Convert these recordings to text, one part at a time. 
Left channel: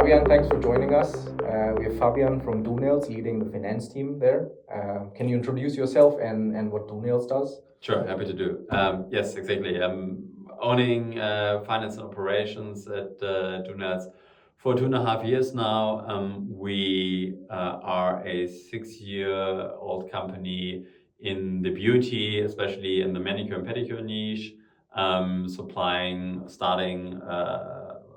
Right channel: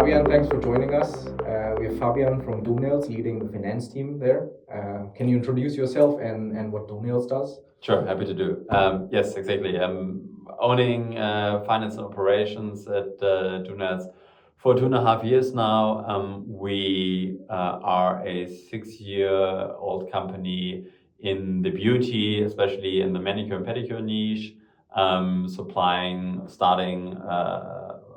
Fabian, thanks for joining us. We have Fabian from Doonails leading the finance team there. Can you introduce yourself and what Doonails does? Sure, happy to do. Yes, exactly. I'm owning finance and operations at Doonails for 2.5 years now. We are a 6-year-old company in the beauty, especially in the manicure and pedicure niche, starting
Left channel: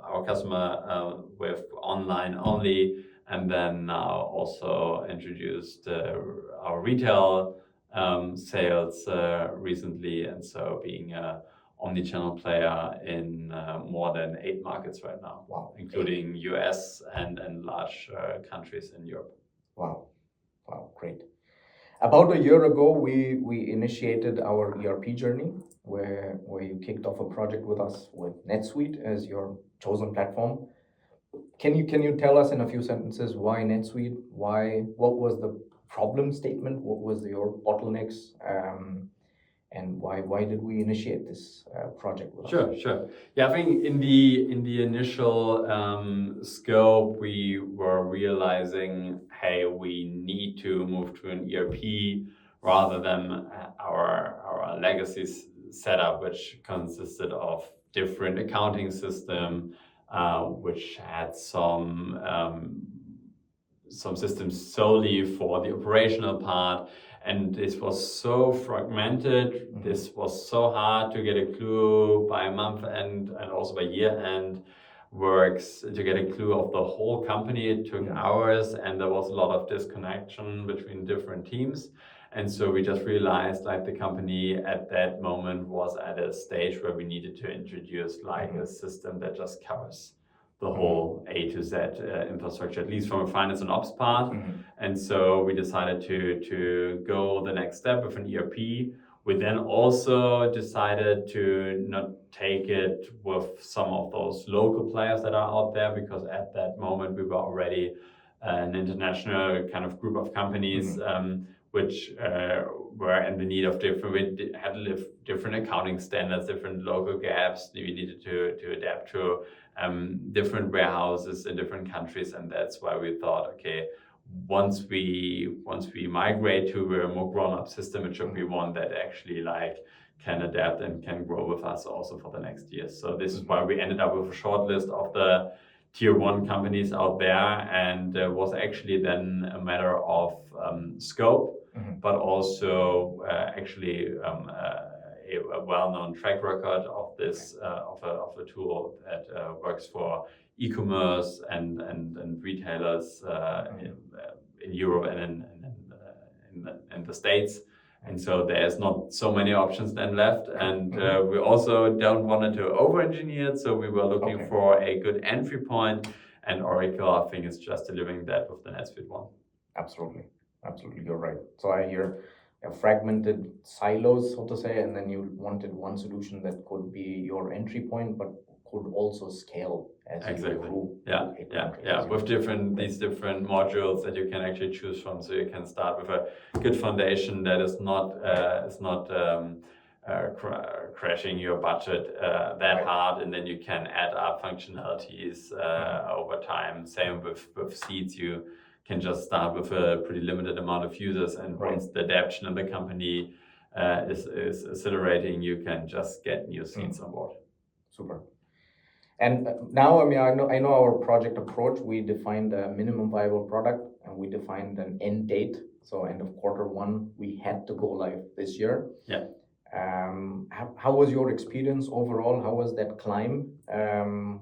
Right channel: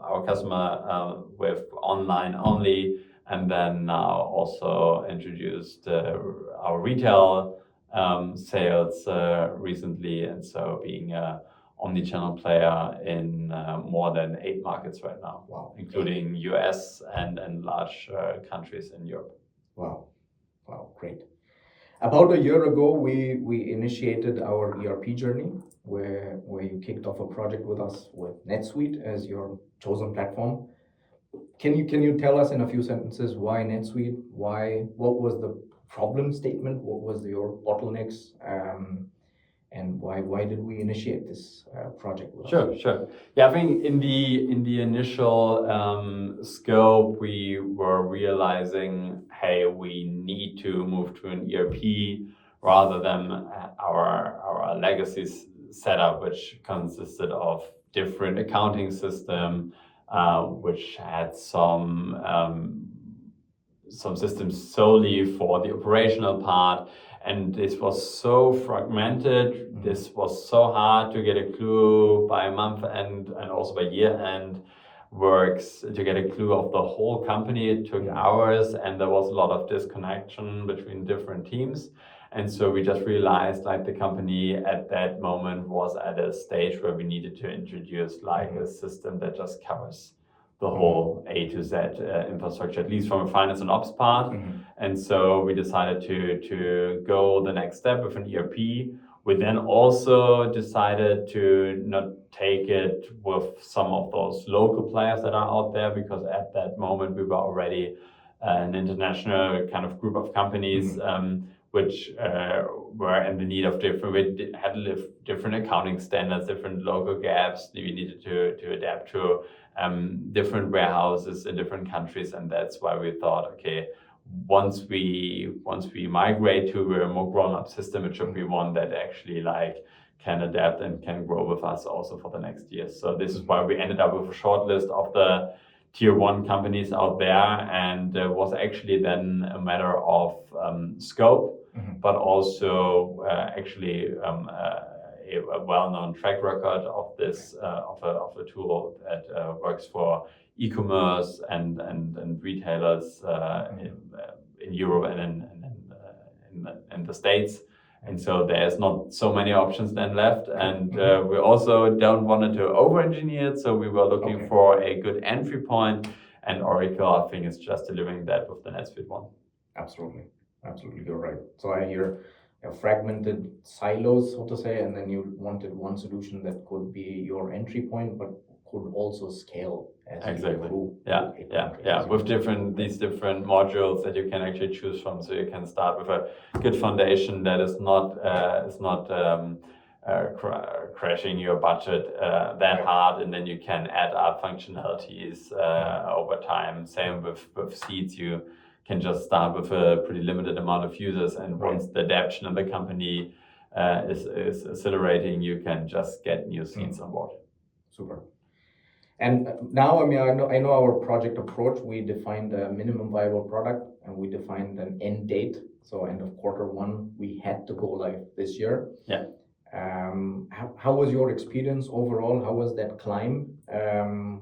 our customer with online only, and then now also introduced our retail sales recently, and so being a omni-channel player in more than 8 markets right now. Wow. Including US and large countries in Europe. Wow, great. About a year ago, we initiated our ERP journey where you kicked off a project with us with NetSuite as your chosen platform. Can you tell us in a few sentences why NetSuite? What was the problem statement? What was your bottlenecks? And why did we initiate this project with us? Sure. Yeah, I think in the initial scope, we were realizing, hey, we need to move to an ERP rather than our legacy setup, which consisted of different accounting system, which had some systems solely for the operational part. And this was so fragmented, this was so hard to get a clue by month end and also by year end works to get a clue of the whole company. It took hours and there was a lot of disconnection between different teams. And so we just realized like the company at that moment was at a stage where we needed to introduce like a system that just covers the whole A to Z infrastructure, at least from a finance and ops part. And so we decided to go the next step with an ERP. We then also decided to not take it with some of those local players that are out there, because at that moment we were already an international kind of group of companies which were in the need of we had to live different accounting standards, different local gaps. We needed to adapt to different warehouses in different countries, and that's why we thought, okay, once we migrate to a more grown-up system, it should be one that actually like can adapt and can grow with us also for the next years. So this is why we ended up with a short list of the tier 1 companies out there, and it was actually then a matter of scope, but also actually a well-known track record of this of a tool that works for e-commerce and retailers in Europe and in the States. And so there's not so many options then left, and we also don't want to over-engineer it, so we were looking for a good entry point, and Oracle, I think, is just delivering that with the NetSuite one. Absolutely, you're right. So I hear fragmented silos, so to say, and then you wanted one solution that could be your entry point, but could also scale as you grew. Yeah. With these different modules that you can actually choose from, so you can start with a good foundation that is not crashing your budget that hard, and then you can add up functionalities over time. Same with seats, you can just start with a pretty limited amount of users, and once the adoption of the company is accelerating, you can just get new seats on board. Super. And now, I mean, I know our project approach. We defined a minimum viable product, and we defined an end date. So end of Q1, we had to go live this year. Yeah. How was your experience overall? How was that climb?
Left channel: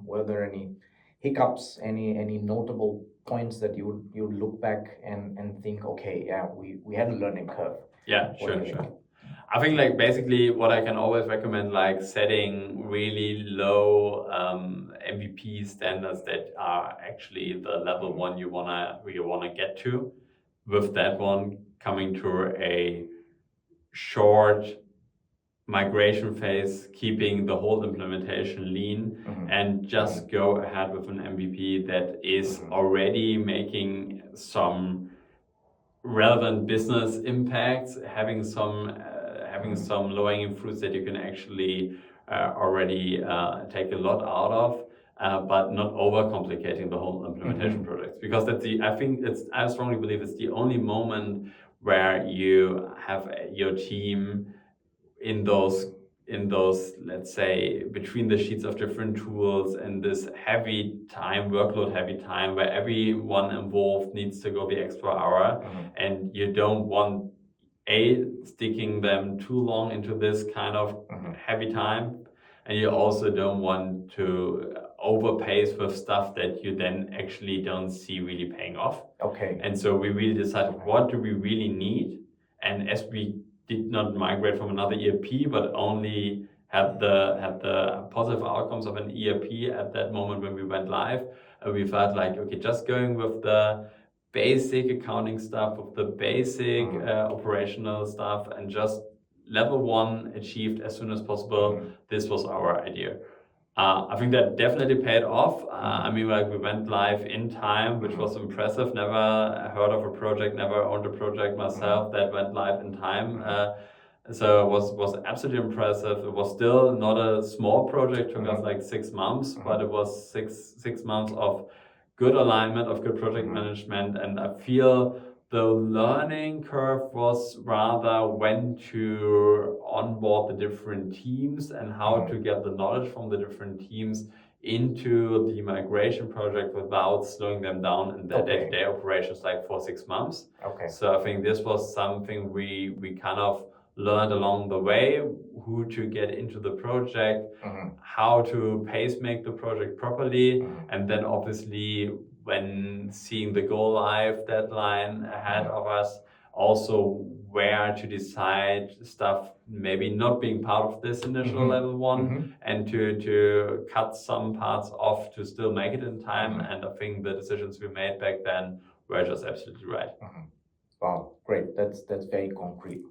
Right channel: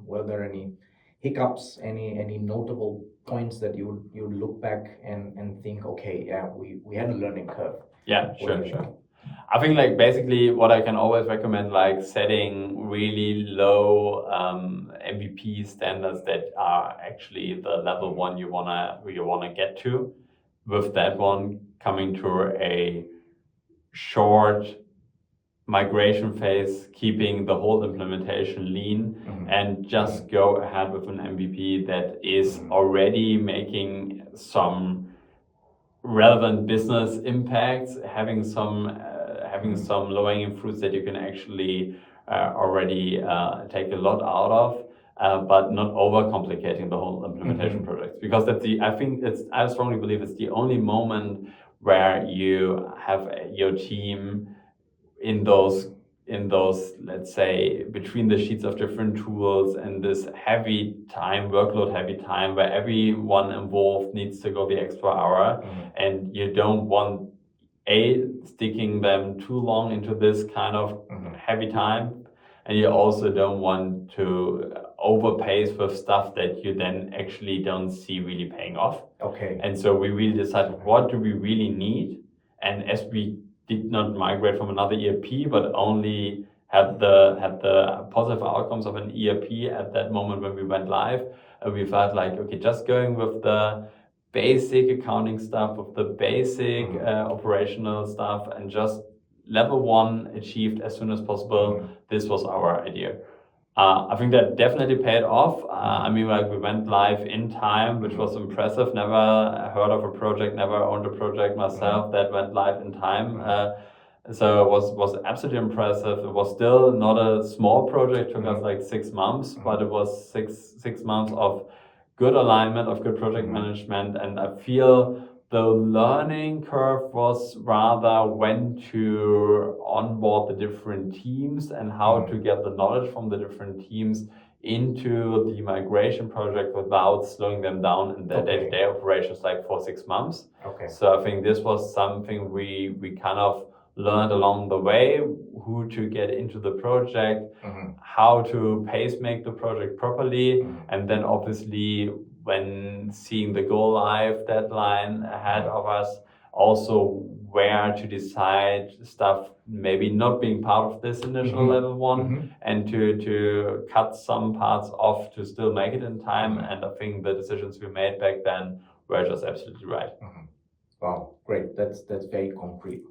Were there any hiccups, any notable points that you look back and think, okay, yeah, we had a learning curve? Yeah, sure. I think like basically what I can always recommend, like setting really low MVP standards that are actually the level 1 you wanna get to. With that one, coming to a short migration phase, keeping the whole implementation lean, and just go ahead with an MVP that is already making some relevant business impacts, having some low-hanging fruits that you can actually already take a lot out of, but not overcomplicating the whole implementation project. Because I strongly believe it's the only moment where you have your team in those, let's say, between the sheets of different tools and this workload heavy time where everyone involved needs to go the extra hour, and you don't want sticking them too long into this kind of heavy time, and you also don't want to overpace with stuff that you then actually don't see really paying off. Okay. And so we really decided, what do we really need? And as we did not migrate from another ERP, but only had the positive outcomes of an ERP at that moment when we went live, we felt like, okay, just going with the basic accounting stuff, with the basic operational stuff, and just level 1 achieved as soon as possible. This was our idea. I think that definitely paid off. I mean, like, we went live in time, which was impressive. Never heard of a project, never owned a project myself that went live in time. So it was absolutely impressive. It was still not a small project, took us like 6 months, but it was six months of good alignment, of good project management. And I feel the learning curve was rather when to onboard the different teams and how to get the knowledge from the different teams into the migration project without slowing them down in their day-to-day operations, like for 6 months. Okay. So I think this was something we kind of learned along the way, who to get into the project, how to pace make the project properly, and then obviously when seeing the go live deadline ahead of us, also where to decide stuff maybe not being part of this initial level 1, and to cut some parts off to still make it in time. And I think the decisions we made back then were just absolutely right. Wow, great. That's very concrete.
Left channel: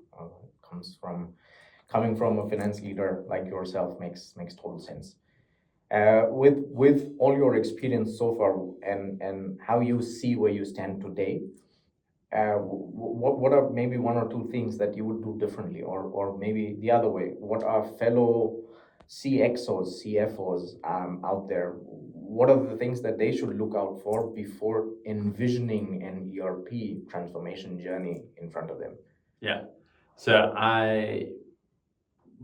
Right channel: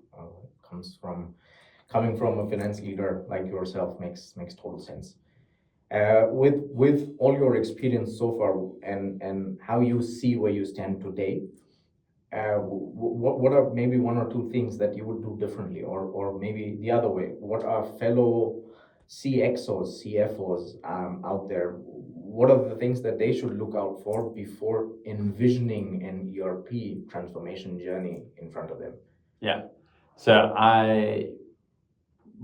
Coming from a finance leader like yourself makes total sense. With all your experience so far and how you see where you stand today, what are maybe 1 or 2 things that you would do differently, or maybe the other way? What are fellow CXOs, CFOs out there? What are the things that they should look out for before envisioning an ERP transformation journey in front of them? Yeah. So I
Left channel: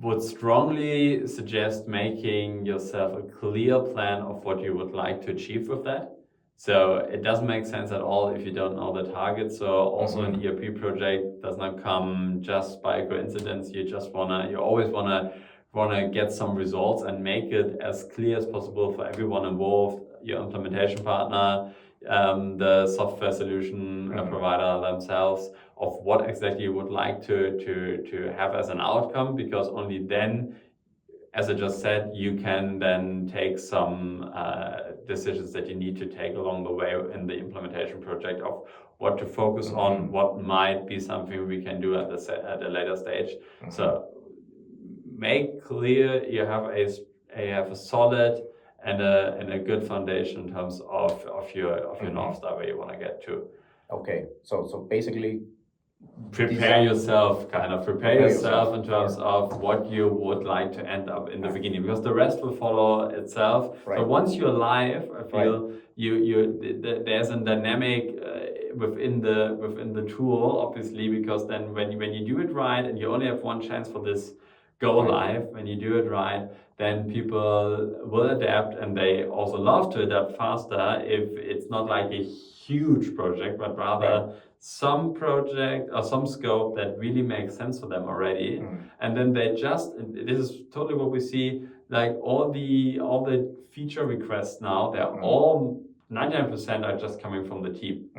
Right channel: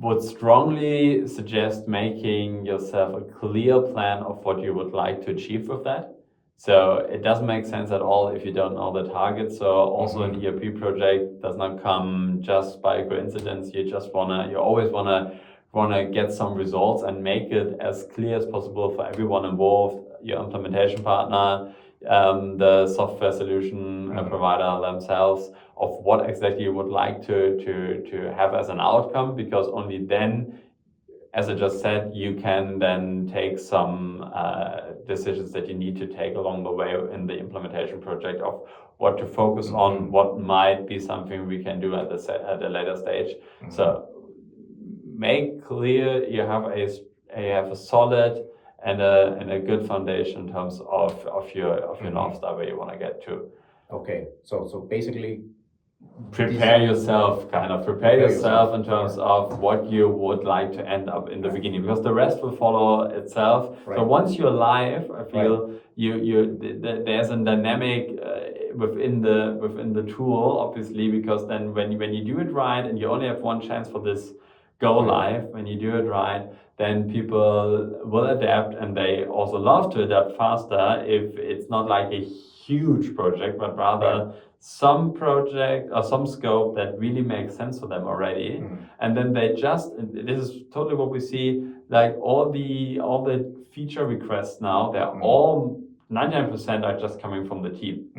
would strongly suggest making yourself a clear plan of what you would like to achieve with that. So it doesn't make sense at all if you don't know the target. So also an ERP project does not come just by coincidence. You always wanna get some results and make it as clear as possible for everyone involved, your implementation partner, the software solution provider themselves, of what exactly you would like to have as an outcome, because only then, as I just said, you can then take some decisions that you need to take along the way in the implementation project, of what to focus on, what might be something we can do at a later stage. So make clear you have a solid and a good foundation in terms of your North Star, where you want to get to. Okay, so basically prepare yourself in terms of what you would like to end up in the beginning, because the rest will follow itself. So once you're live, I feel there's a dynamic within the tool, obviously, because then when you do it right, and you only have 1 chance for this go live, when you do it right, then people will adapt, and they also love to adapt faster if it's not like a huge project, but rather some project or some scope that really makes sense for them already. And then this is totally what we see, like all the feature requests now, they're all 99% are just coming from the team.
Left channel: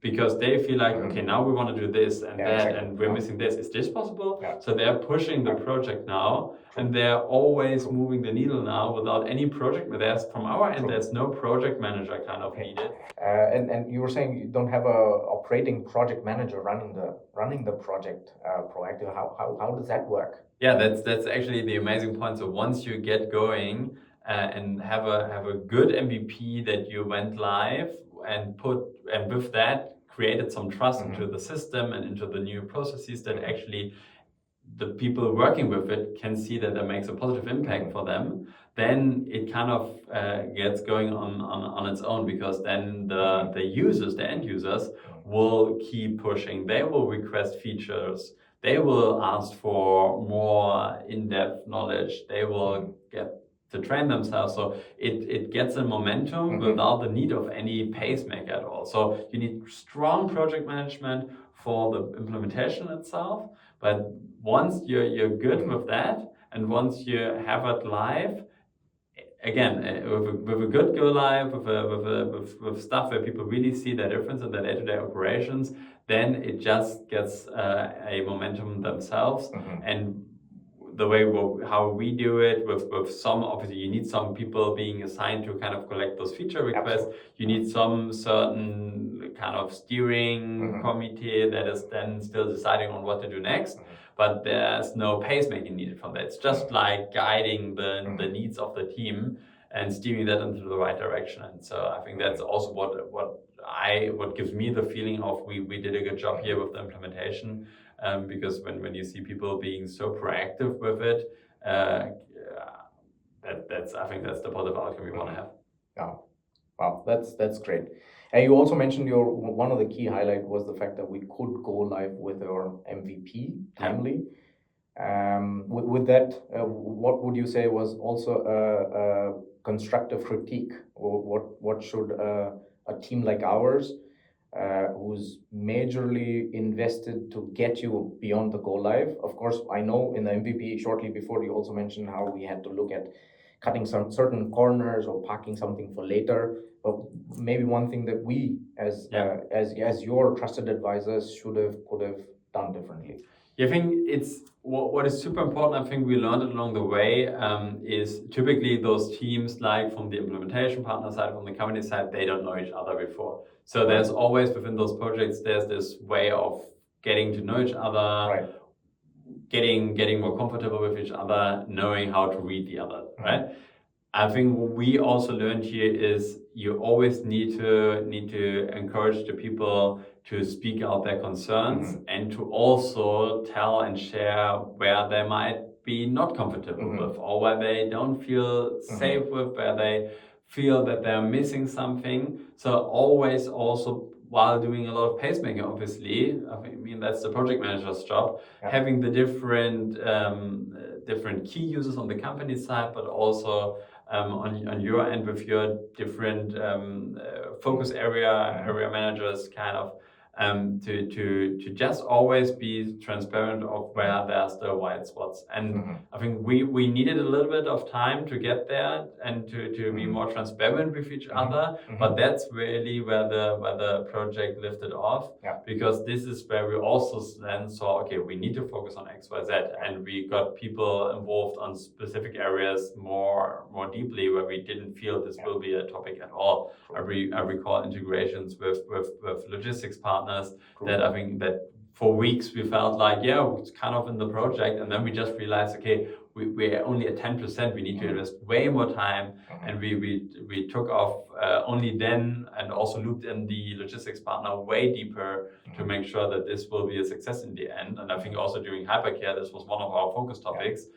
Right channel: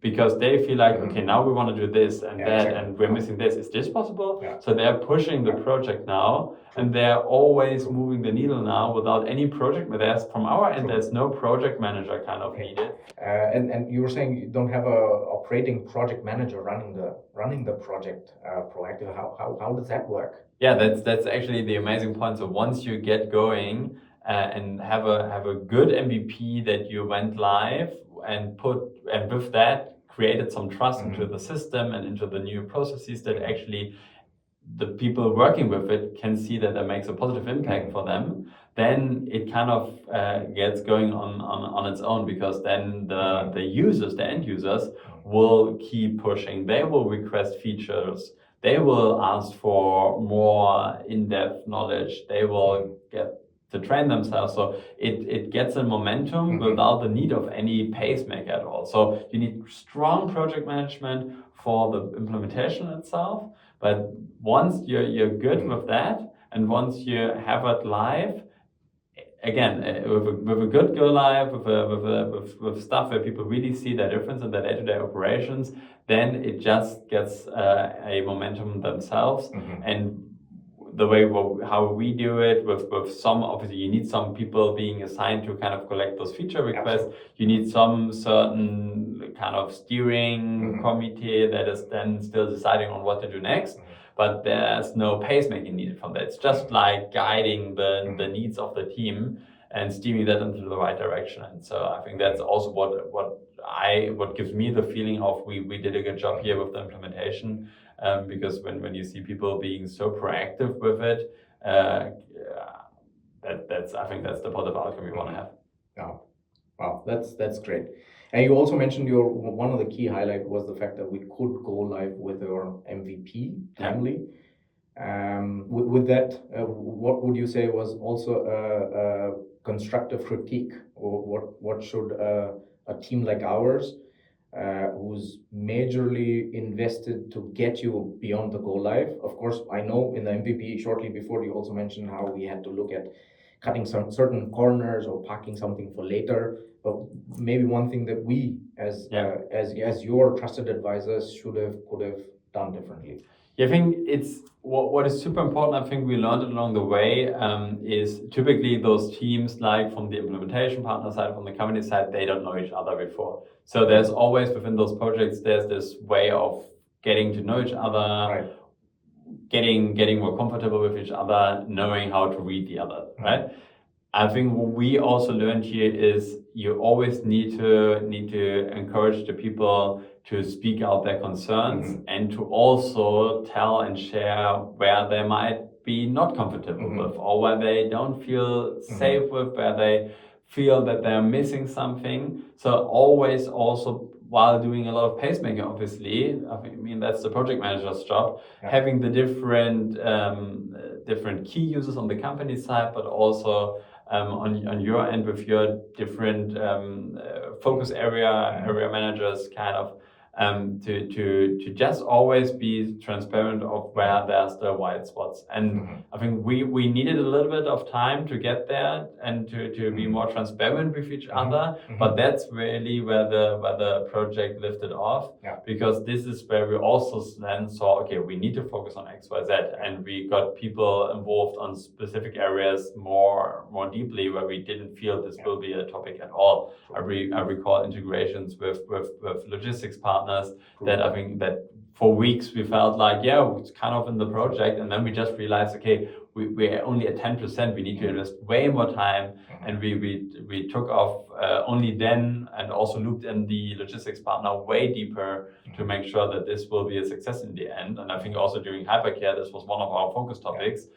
Because they feel like, okay, now we want to do this and that, and we're missing this. Is this possible? So they're pushing the project now, and they're always moving the needle now without any project. From our end, there's no project manager kind of needed. And you were saying you don't have a operating project manager running the project proactively. How does that work? Yeah, that's actually the amazing point. So once you get going and have a good MVP that you went live and with that created some trust into the system and into the new processes that actually the people working with it can see that that makes a positive impact for them, then it kind of gets going on its own, because then the users, the end users, will keep pushing. They will request features. They will ask for more in-depth knowledge. They will get to train themselves. So it gets a momentum without the need of any pacemaker at all. So you need strong project management for the implementation itself. But once you're good with that, and once you have it live, again, with a good go live, with stuff where people really see the difference in their day-to-day operations, then it just gets a momentum themselves. And the way how we do it, with some, obviously you need some people being assigned to kind of collect those feature requests. You need some certain kind of steering committee that is then still deciding on what to do next. But there's no pacemaking needed from that. It's just like guiding the needs of the team and steering that into the right direction. And so I think that's also what gives me the feeling of we did a good job here with the implementation. Because when you see people being so proactive with it, that's I think that's the positive outcome we want to have. Wow, that's great. And you also mentioned one of the key highlight was the fact that we could go live with our MVP timely. With that, what would you say was also a constructive critique, or what should a team like ours, who's majorly invested to get you beyond the go live? Of course, I know in the MVP shortly before you also mentioned how we had to look at cutting some certain corners or parking something for later. But maybe one thing that we, as your trusted advisors, could have done differently. Yeah, I think it's what is super important. I think we learned along the way is typically those teams, like from the implementation partner side, from the company side, they don't know each other before. So there's always within those projects, there's this way of getting to know each other, getting more comfortable with each other, knowing how to read the other, right? I think what we also learned here is you always need to encourage the people to speak out their concerns and to also tell and share where they might be not comfortable with, or where they don't feel safe with, where they feel that they're missing something. So always also, while doing a lot of pacemaking, obviously, I mean that's the project manager's job, having the different key users on the company side, but also on your end with your different focus area managers, kind of to just always be transparent of where there's the white spots. And I think we needed a little bit of time to get there and to be more transparent with each other. But that's really where the project lifted off, because this is where we also then saw, okay, we need to focus on X, Y, Z, and we got people involved on specific areas more deeply, where we didn't feel this will be a topic at all. I recall integrations with logistics partners that I think that for weeks we felt like, it's kind of in the project, and then we just realized, okay, we're only at 10%, we need to invest way more time, and we took off only then, and also looped in the logistics partner way deeper to make sure that this will be a success in the end. And I think also during hypercare, this was one of our focus topics.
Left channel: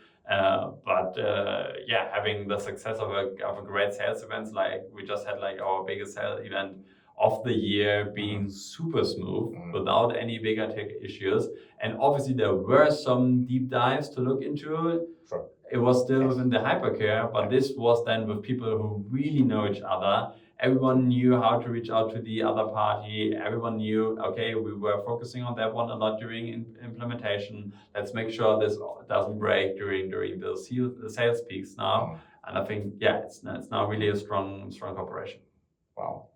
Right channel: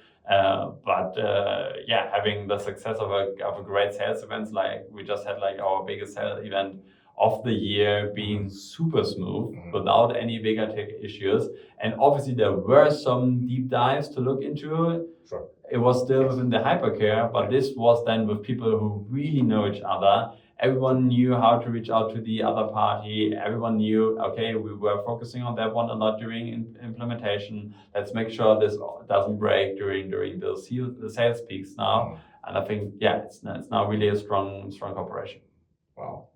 Having the success of a great sales event, like we just had like our biggest sales event of the year, being super smooth without any bigger tech issues. And obviously there were some deep dives to look into. It was still within the hypercare, but this was then with people who really know each other. Everyone knew how to reach out to the other party. Everyone knew, okay, we were focusing on that one a lot during implementation. Let's make sure this doesn't break during the sales peaks now. And I think, it's now really a strong cooperation. Wow,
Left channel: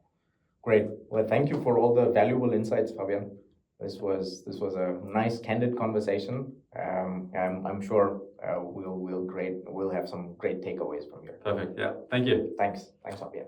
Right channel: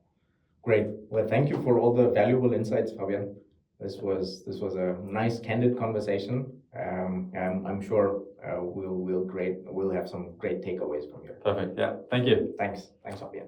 great. Well, thank you for all the valuable insights, Fabian. This was a nice, candid conversation. I'm sure we'll have some great takeaways from here. Perfect. Yeah. Thank you. Thanks, Fabian.